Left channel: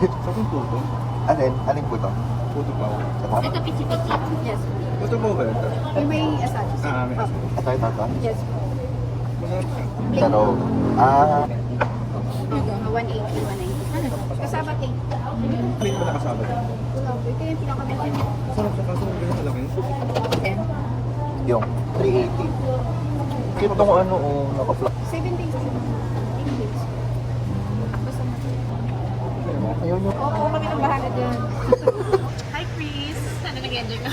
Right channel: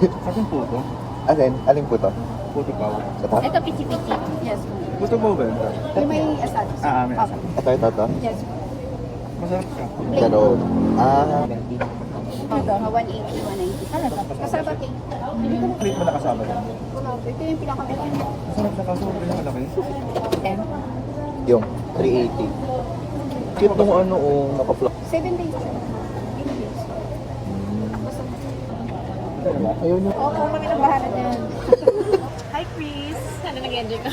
Sa akin puto. Aling puto? Puto pa. Ito? Ito, piti-piti. Yes. Puto po ba yun? May asados. May asa. Ito. Yes. Masarap siya. Sa loob. Ito, 180, 190. Ano to? Kasama cake. Plate mo nakasama doon. Ito yung pinaka-malaki. Masarap siya kaso hindi na laki. Yung 380. Cute nung ano, naka-flop. 7 days. 8 days. Okay na ba? Ayaw nyo. Oo, kami nang bahala dyan. Hi, Chris. Sana nag-enjoy ka.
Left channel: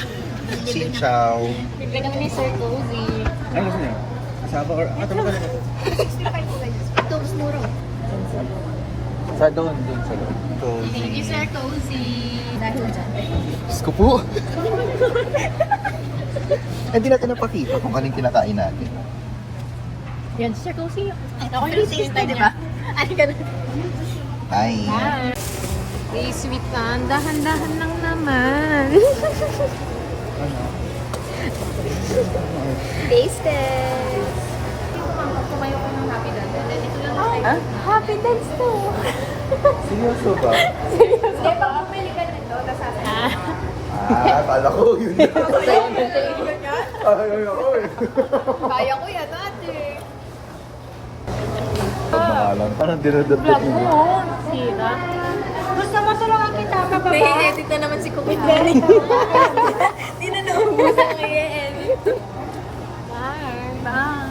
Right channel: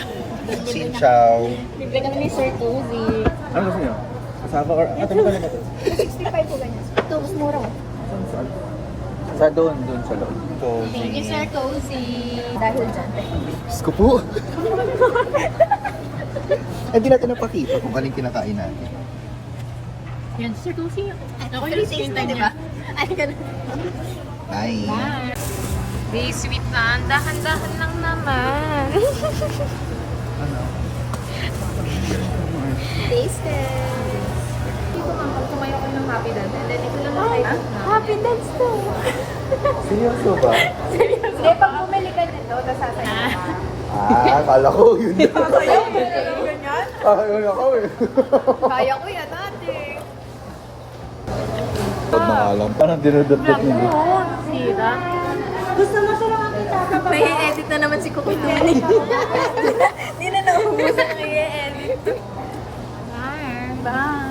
Xin chow. Bibigyan kami ni Sir Cozy. Ano gusto niyo? Kasama or... tama ko to. 65 po tayo. Ito, mas mura. Sa doon sa loob. Thank you, Sir Cozy. Dahil dyan. Diyos ko po. Hindi natin napakita kung galing kinakain natin. Yan, Sir Cozy. Ako yung sister, di ba? Ay, ganun. Bye. Hey, sweet na. Dahan-dahan lang naman. Taste test. Ay, happy dance too. Seryoso ba? Hindi, pag bumili ka nito, nasasaya ka. Akala ko yun. Kaya ko yan ate. Pagmakalam pa nang dinudupot Vlog niyo. mo. Sira. Gusto mo tulungan kita. Nag-i-edit na naman si Cookie. Hindi na naubusan ng i-edit. Bye. Bye.